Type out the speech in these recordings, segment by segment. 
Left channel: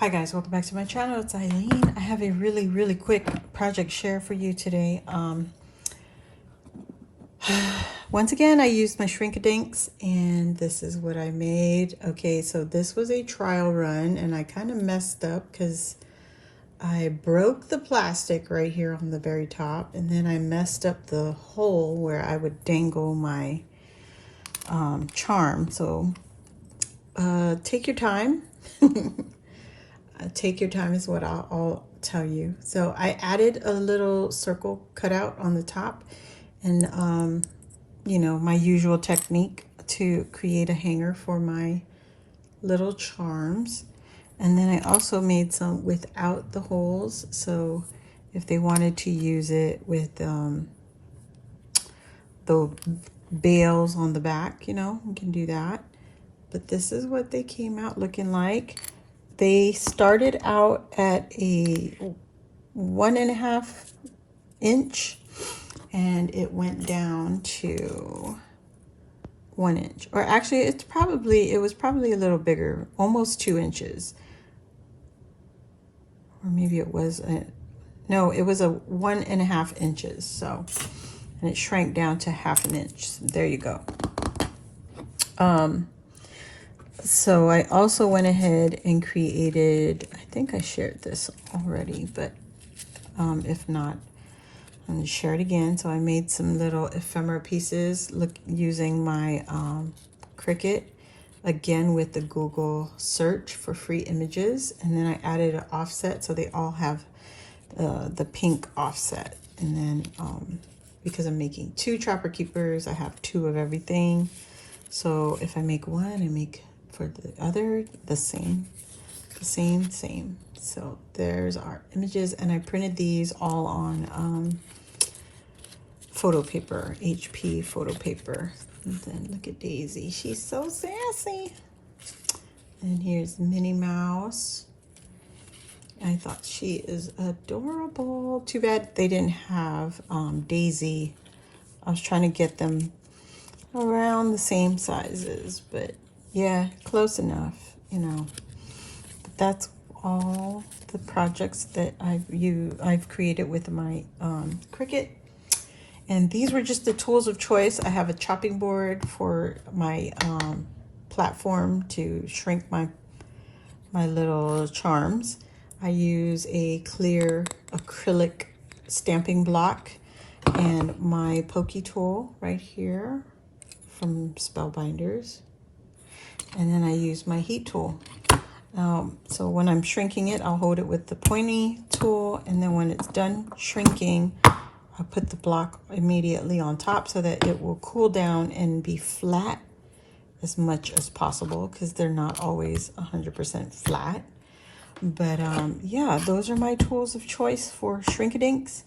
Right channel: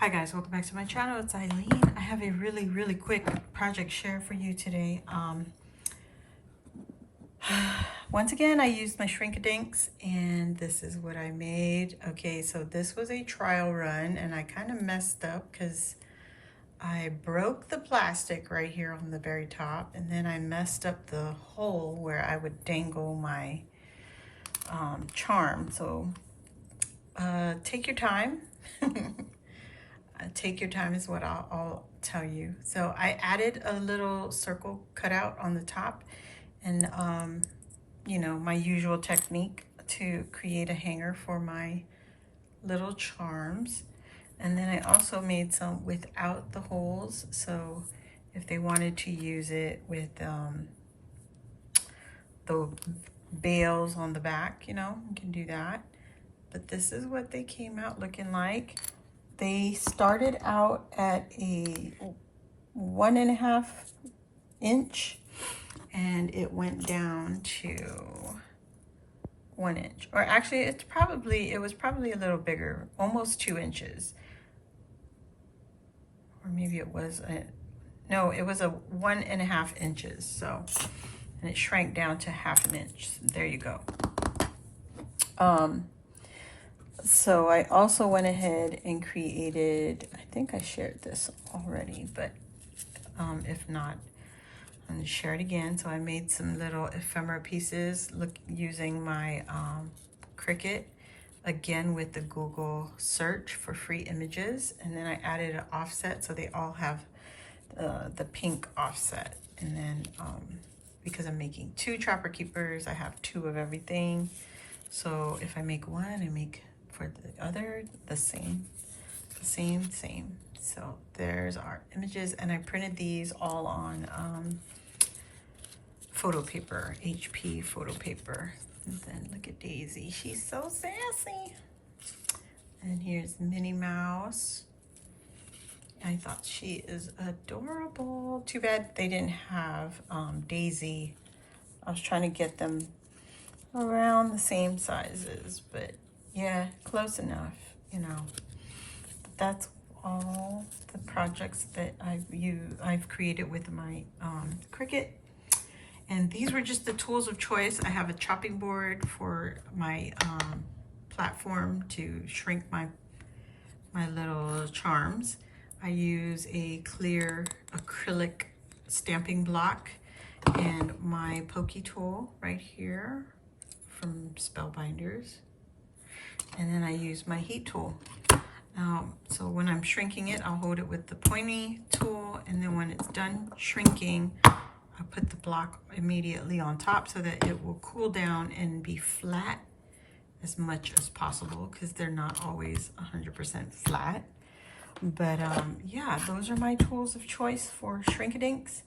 Hi guys, welcome back to my channel. It's Eileen. I have a really quick project share for you today. Once again, I used my Shrink-a-Dinks and this is what I made. Okay, so this was a trial run and I kind of messed up because I broke the plastic right here on the very top, and then I messed up the hole where I would dangle my charm. So take your time. Take your time is what I'll tell you. So I added a little circle cutout on the top, and you know, my usual technique to create a hanger for my little charms. And then I also made some without the holes, so if they wanted to use it with the bails on the back, you know, you can do that. But this is what they came out looking like. They started out at a 1.5 inch and it went down to 1 inch, or actually it was probably a little bigger, almost 2 inches, or maybe it was no, it was a 1.5 inches. So, and it shrank down to 1/2 inch. There you go. So I also went ahead and created, I think I shared this already, but if not, I'm going to share it again. So I made some little ephemera pieces using my Cricut, again with the Google search for free images. And then I added an offset, so they all have the pink offset. And then because I'm making 2 trapper keepers, I have 2 of everything. So if I make one, I make for the other the same. So there's our images, and I printed these all on photo paper, HP photo paper. And then look at Daisy, she's so sassy. And here's Minnie Mouse. I thought she is adorable. Too bad they didn't have Daisy. I was trying to get them around the same sizes, but yeah, close enough, you know. But that's all the projects that I've created with my Cricut. And these were just the tools of choice. I have a chopping board for my platform to shrink my little charms. I use a clear acrylic stamping block and my pokey tool right here from Spellbinders. And then I use my heat tool. So when I'm shrinking it, I'll hold it with the pointy tool, and then when it's done shrinking, I put the block immediately on top so that it will cool down and be flat as much as possible, because they're not always 100% flat. But yeah, those are my tools of choice for Shrink-a-Dinks.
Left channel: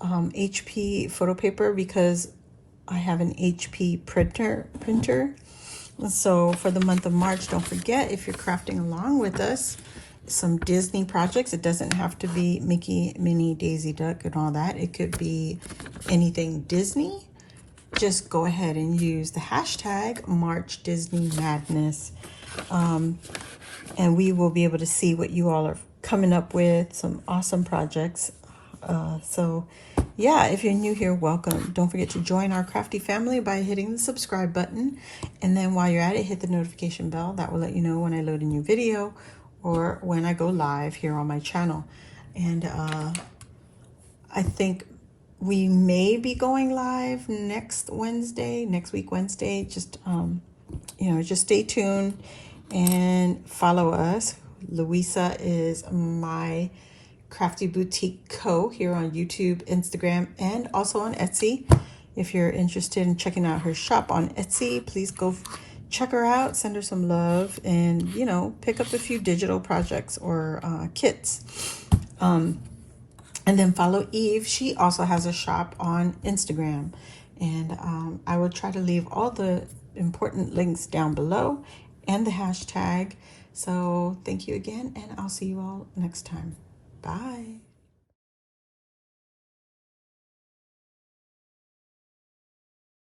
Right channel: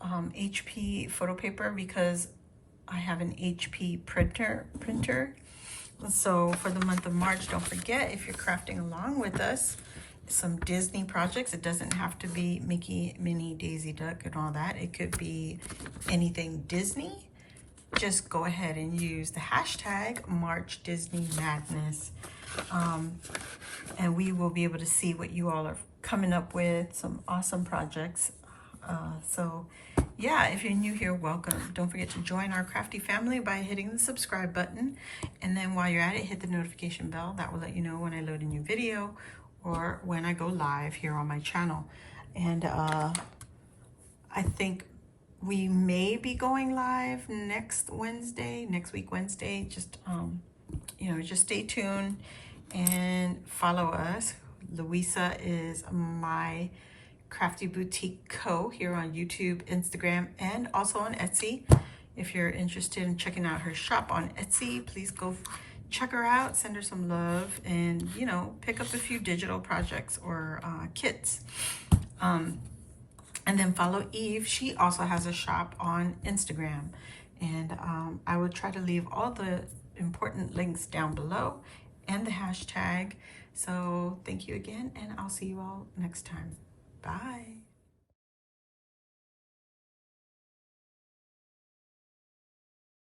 HP photo paper, because I have an HP printer. So for the month of March, don't forget, if you're crafting along with us, some Disney projects. It doesn't have to be Mickey, Minnie, Daisy Duck and all that. It could be anything Disney. Just go ahead and use the hashtag March Disney Madness. And we will be able to see what you all are coming up with, some awesome projects. So yeah, if you're new here, welcome. Don't forget to join our crafty family by hitting the subscribe button. And then while you're at it, hit the notification bell. That will let you know when I load a new video or when I go live here on my channel. And I think we may be going live next week Wednesday. Just you know, just stay tuned and follow us. Luisa is my Crafty Boutique Co. here on YouTube, Instagram, and also on Etsy. If you're interested in checking out her shop on Etsy, please go check her out, send her some love, and, you know, pick up a few digital projects or kits. And then follow Eve. She also has a shop on Instagram. And I will try to leave all the important links down below and the hashtag. So thank you again, and I'll see you all next time. Bye.